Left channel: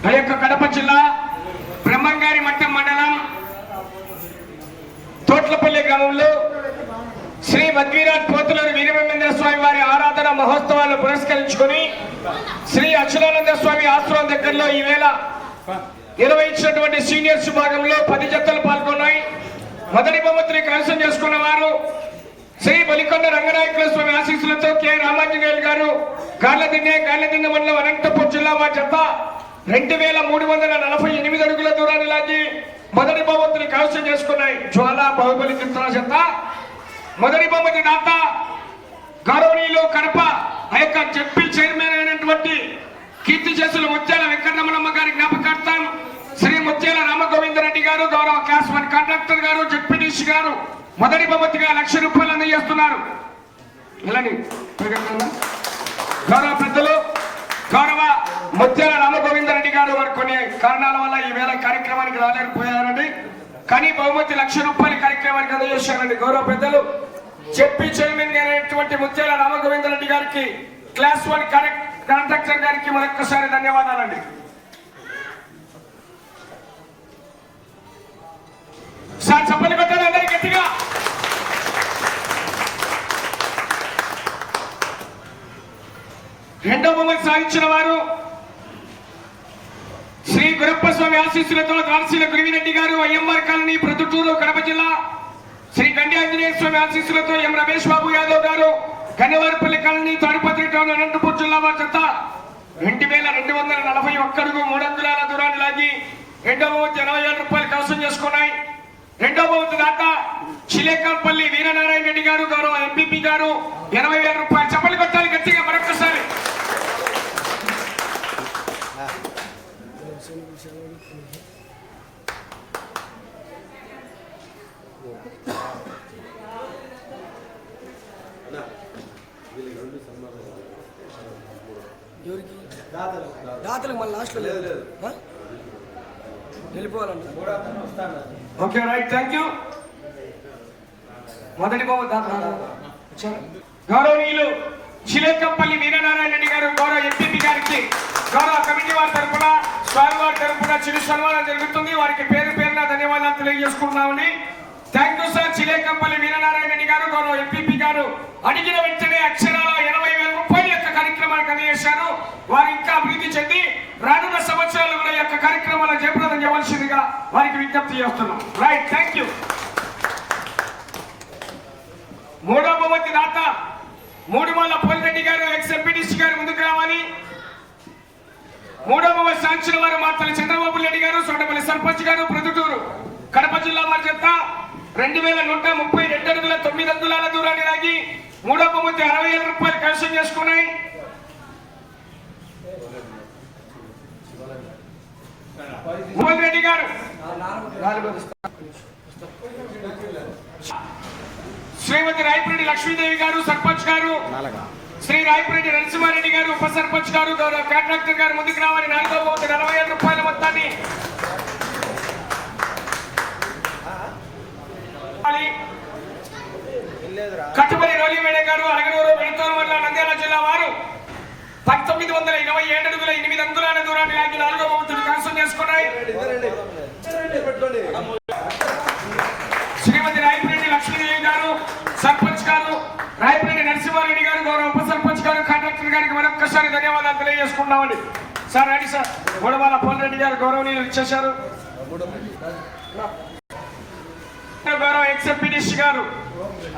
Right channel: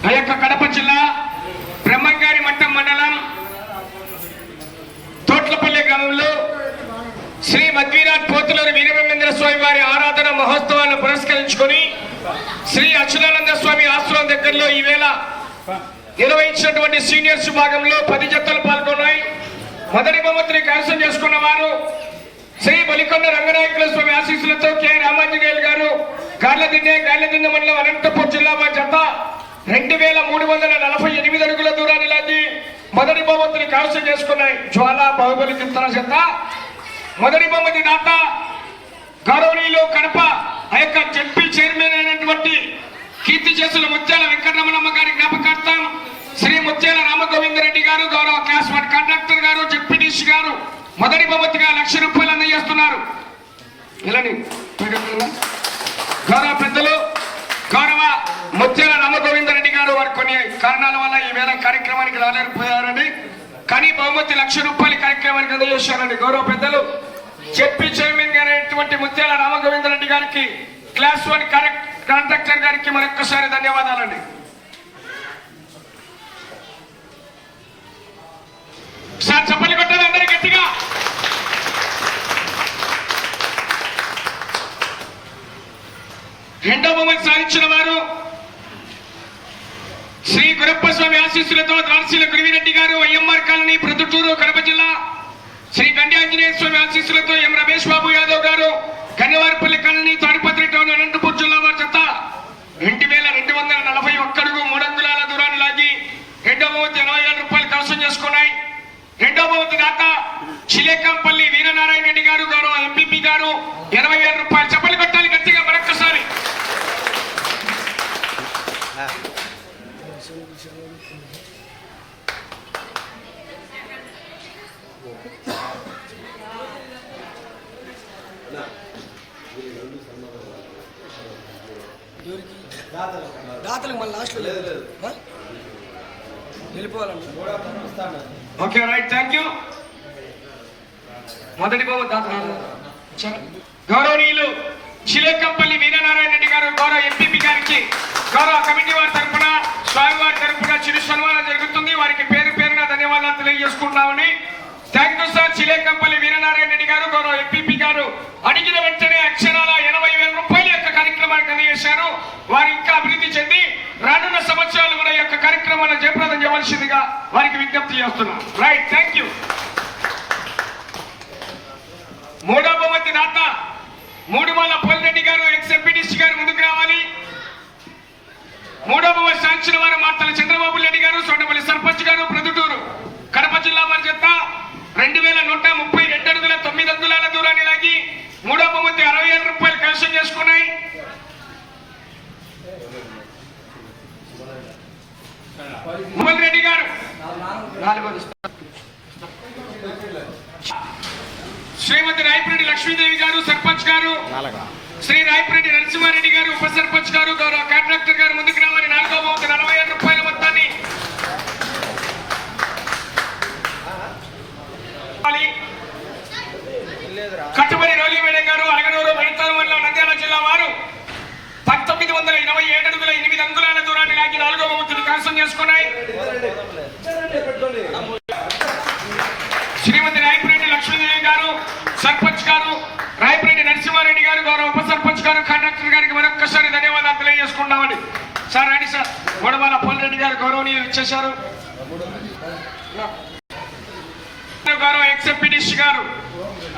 ఆ యొక్క కడప జిల్లా బ్రహ్మంగారి మట్టం మండలం తోట్లపల్లి గ్రామంలో శ్రీ మధ్వీరాట్ పోతులూరి వీరవేంద్ర స్వామి వారి ఆరాధన మహోత్సవాలను పురస్కరించుకొని శ్రీ అక్షరానంద స్వామి ఆశ్రమం దగ్గరలో ఈవేళ నిర్వహించినటువంటి సీనియర్స్ విభాగంలో పది జతలు పాల్గొన్నాయి. మొదటి బహుమతిని కైవసం చేసుకున్న వారు శ్రీ బలికొండ రంగనాయకుల స్వామి ఆశీస్సులతో కె. రామాంజనేయులు గారు గార్లదిన్నె గార్లదిన్నె మండలం అనంతపూర్ జిల్లా మా జత రెండు వేల మూడు వందల నలభై ఎనిమిది అడుగుల దూరాన్ని లాగి మొదటి బహుమతిని కైవసం చేసుకున్నాయి జ్వాల బాహుబలి చిత్ర జత. మొదటి బహుమతి దాత గౌరవనీయులు కడప ఆ యొక్క జడ్పీ చైర్మన్ అయినటువంటి కీర్తి చేసిన ముత్యాల వెంకటరమణమ్మ గారి జ్ఞాపకార్థం శ్రీ ముత్యాల రామగోవిందరెడ్డి గారు గౌరవ క్లాస్ వన్ కండక్టర్ గారు జడ్పీటీసీ గారు మొదటి బహుమతిగా లక్ష రూపాయలు అందజేస్తున్నారు. ఇలాని గౌరవ పెద్దలు గౌరవ ముత్యాల రామగోవిందరెడ్డి గారు వారు కొన్ని కారణాల వల్ల ఈ వేళ కార్యక్రమానికి రాలేకపోయారండి. కానీ బహుమతి లక్ష రూపాయల కార్యక్రమానికి అందజేశారండి గౌరవ పెద్దలు. చెప్పి చైర్మన్ గారైనటువంటి ముత్యాల రామగోవిందరెడ్డి గారికి క్లాస్ వన్ కరెక్ట్ కాంట్రాక్టర్ గారికి మరొక్కసారి ధన్యవాదాలండి. సార్ చెప్పలు కొట్టదు అందరి గట్టిగా. రెండో బొమ్మలు సాధించిన వారు శ్రీ గురప్ప స్వామి ఆశీస్సులతో రాల్సిన గురివిరెడ్డి గారు ఐఎంఆర్ కాలనీ ప్రొద్దుటూరు కడప జిల్లా. శ్రీ గండి ఆంజనేయ స్వామి ఆశీస్సులతో ఎం రమేష్ బాబు యాదవ్ గారు కన్నవారిపల్లి కాలనీ తాడిపత్రి టౌన్ అనంతపూర్ జిల్లా వారి చెత్త. రెండు వేల రెండు వందల నలభై ఒక్కడుగు మూడు అంగుళాల దూరాన్ని లాగి రెండవ బహుమతి ఇరవై ఏడు రూపాయలు కలసం చేసుకున్నాయి. రెండవ బహుమతి దాత చిలేకంపల్లి వీరనారాయణ రెడ్డి గారు గారు ఎంపీపీ గారు ఇరవై వేల రూపాయలు చెప్పలు పెట్టాలి గట్టిగా మరొక్కసారి. దాతలకు మళ్ళీ లాస్ట్లో లేదు ఓకే రైట్ థ్యాంక్ యూ. మొదటి బాబు దాతనాలు గౌరవనీయులు చిలేకంపల్లి వీరనారాయణ రెడ్డి గారు గౌరవ ఎంపీపీ గారికి గౌరవ కమిటీ వారి తరఫున స్వామి వారి తరఫున చిరు సన్మానం జరుగుతుంది. వారికి పేరు పేరున ధన్యవాదాలు తెలియజేసుకుంటున్నామని thank you sir Chilekampalli Veeranarayana Reddy గారు గౌరవ ఎంపీపీ గారు అడిగిన వెంటనే అక్షరాల ఎనభై వేల రూపాయల యొక్క కార్యక్రమానికి అందజేశారు. వారు ఇంకా అభివృద్ధి చెంది రానున్న సంవత్సరాలు కూడా యొక్క కార్యక్రమాలను జయప్రదం చేయవలసిందిగా వారికి విజ్ఞప్తి చేస్తున్నాం. రైట్ థ్యాంక్ యూ మూడో బహుమతి దాత మూడు వాళ్ళ పోలిరెడ్డి గారు ఎక్స్ ఎంపీటీసీ గారు ముందుకు రావాలి. మూడో బహుమతి సాధించిన వారు మాతల చంద్రబాబు రెడ్డి గారు సొండపల్లి సర్పంచ్ గారు ప్రొద్దుటూరు కడప జిల్లా వారి చేత రెండు వేల నూట ముప్పై రెండు అడుగుల తొమ్మిది అంగుళాల దూరాన్ని లాగి మూడో బహుమతి అరవై ఏడు రూపాయలు కలెక్షన్ చేసుకున్నాయి. మోహన్ రెడ్డి గారు. శ్రీమతి రాయపరెడ్డి లక్ష్మీదేవి గారు సర్పంచ్ గారు. శ్రీ రాయపరెడ్డి నరసింహారెడ్డి గారు ఉప సర్పంచ్ గారు గౌరవ కాంట్రాక్టర్ గారు ముందుకు రావాలి నాలుగో బహుమతి నలభై ఏడు రూపాయల మొత్తాన్ని ఇవ్వాలి. కట్టుబడి రోలి మేడం గారు అలగనూరు వెళ్తారు మండలం నంద్యాల జిల్లా వారు పంతొమ్మిది వందల ఇరవై ఏడు అడుగుల ఎనిమిది అంగుళాల దూరాన్ని లాగి నాలుగో బహుమతిని కాసం చేసుకున్నాయి. శ్రీమతి రాయపరెడ్డి లక్ష్మీదేవి గారు సర్పంచ్ గారు రాయపరెడ్డి నరసింహారెడ్డి గారు గౌరవ ఉప సర్పంచ్ గారు కండక్టర్ గారికి మరొక్కసారి ధన్యవాదాలు తెలియజేసుకుంటామండి సార్ రండి సార్ గొడవల పోలిరెడ్డి గారు గౌరవనీయులు ఇచ్చేశారు. గౌరవ ఎక్స్ఎంపీడీసీ గారు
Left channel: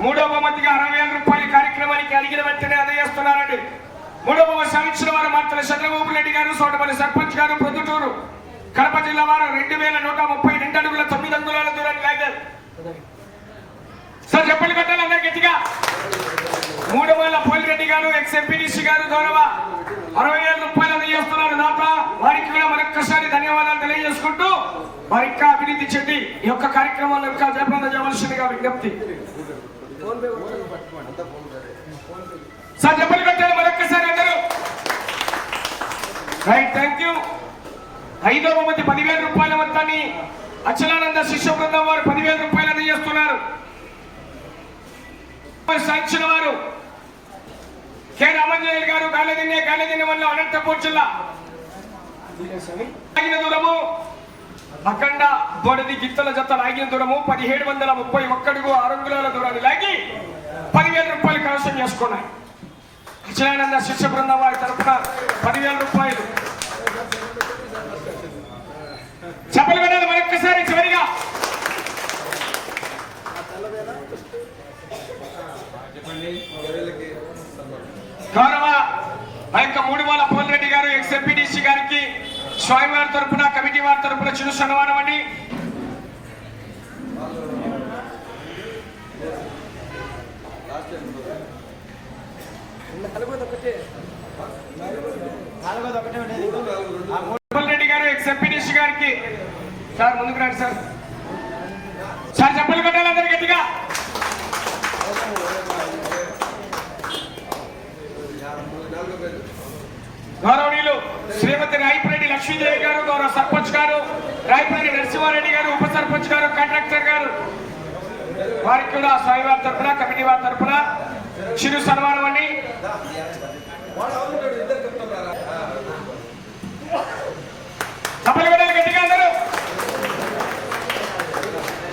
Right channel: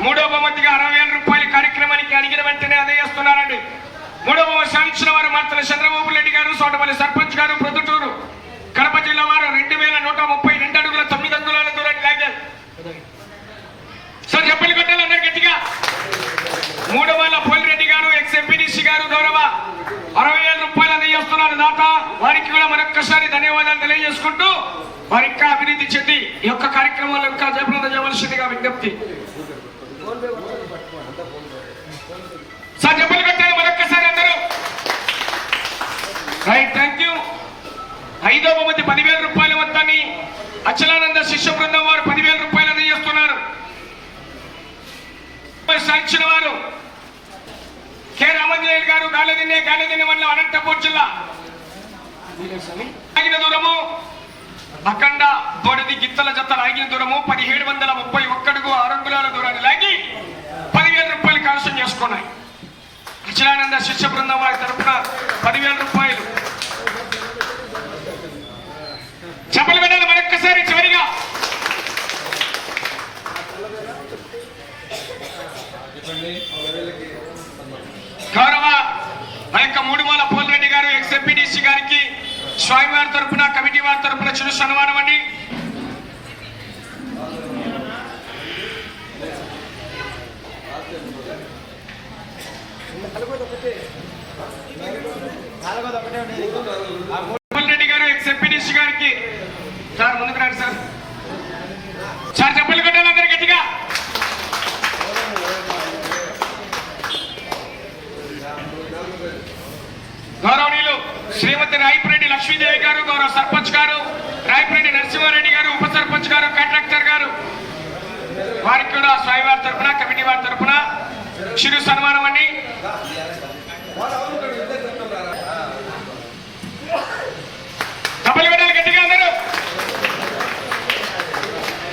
మూడో బహుమతిగా అరవై వేల రూపాయల కార్యక్రమానికి అడిగిన వెంటనే అందజేస్తున్నారండి మూడో సాధించిన వారు మాత్రం చంద్రబాబు రెడ్డి గారు సోటపల్లి సర్పంచ్ గారు ప్రొద్దుటూరు కడప జిల్లా వారు రెండు వేల నూట ముప్పై రెండు అడుగుల తొమ్మిది అంగుళాల దూరాన్ని లాగారు. సార్ చెప్పలు అన్న గట్టిగా. మూడు వాళ్ళ పోలిరెడ్డి గారు ఎక్స్ ఎంపీడీసీ గారు గౌరవ అరవై వేల రూపాయలు అందజేస్తున్నారు దాత వారికి కూడా మరొక్కసారి ధన్యవాదాలు తెలియజేసుకుంటూ వారి ఇంకా అభివృద్ధి చెంది ఈ యొక్క కార్యక్రమాలు ఇంకా జయప్రదం చేయవలసిందిగా విజ్ఞప్తి సార్ చెప్పలు కొట్టారు మరొక్కసారి అందరూ రైట్ థ్యాంక్ యూ ఐదో బహుమతి పదివేల రూపాయల మొత్తాన్ని అచలానంద శిష్య బృందం వారు పదివేల రూపాయలు అందజేస్తున్నారు. సాధించిన వారు కె రామంజయ్య గారు గాలదిన్నే గాలదిన్నె వల్ల అనంతపూర్ జిల్లా. లాగిన దూరము అఖండ బొడది గిత్తల జత లాగిన దూరము పదిహేడు వందల ముప్పై ఒక్కడుగు ఆరు అంగుళాల దూరాన్ని లాగి పదివేల రూపాయలు కవసం చేసుకున్నాయి. అచలానంద శిష్య బృందం వారి తరపున పదివేల రూపాయలు చెప్పలు పెట్టాలి మరొక్కసారి చివరిగా గౌరవ మా యొక్క మూడుమూల పోల్రెడ్డి గారు ఎక్స్ ఎంపీడీసీ గారికి స్వామి వారి తరపున కమిటీ వారి తరపున చిరు సన్మానం అండి. పోల్రెడ్డి గారు ఎక్స్ ఎంపీడీసీ గారికి. సార్ ముందుకు రండి సార్. సార్ చెప్పలు కొట్టాలి అందరు గట్టిగా. గౌరవనీయులు శ్రీమతి రాయపురెడ్డి లక్ష్మీదేవి గారు గౌరవ సర్పంచ్ గారు రాయపల్లి నరసింహారెడ్డి గారు ఉప సర్పంచ్ గారు కాంట్రాక్టర్ గారు. వారికి కూడా స్వామివారి తరపున కమిటీ వారి తరఫున చిరు సన్మానం అండి. గట్టిగా అందరూ.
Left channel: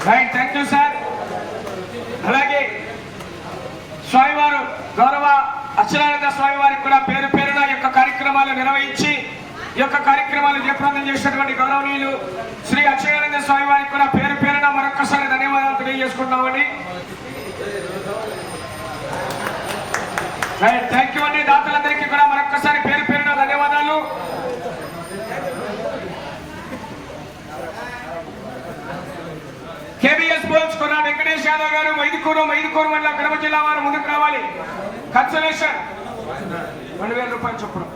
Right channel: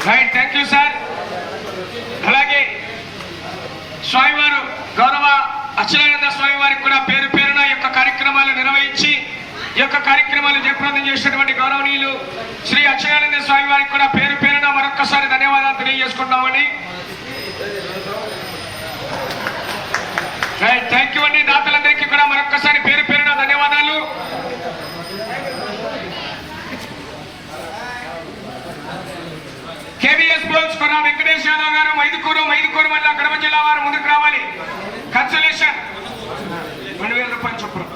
రైట్ థ్యాంక్ యూ సార్ అలాగే స్వామివారు గౌరవ అచ్యుతానంద స్వామి వారికి కూడా పేరు పేరున ఈ యొక్క కార్యక్రమాలు నిర్వహించి ఈ యొక్క కార్యక్రమాలు జయప్రదం చేసినటువంటి గౌరవనీయులు శ్రీ అక్షయానంద స్వామి వారికి కూడా పేరు పేరున మరొక్కసారి ధన్యవాదాలు తెలియజేసుకుంటామని థ్యాంక్ యూ అండి. దాతలందరికీ కూడా మరొక్కసారి పేరు పేరున ధన్యవాదాలు. కేవీఎస్ బోల్స్ కొరా వెంకటేష్ యాదవ్ గారు మైదుకూరు మైదుకూరు వల్ల కడప జిల్లా వారు ముందుకు రావాలి. కన్సలేషన్ రెండు వేల రూపాయలు చొప్పున.